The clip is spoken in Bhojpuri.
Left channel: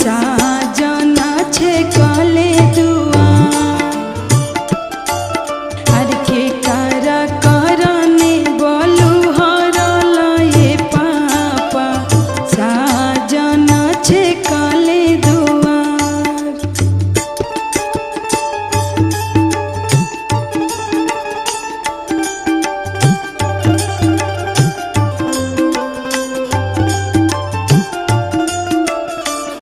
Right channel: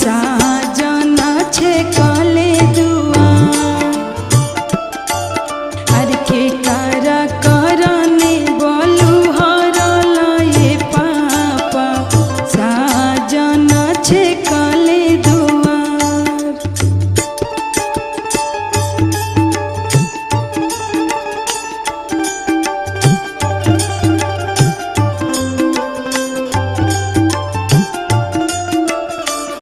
साजन छे कले दुआर आर के कारा करने बोलू हरल ये पापा साजन छे कले दुआर।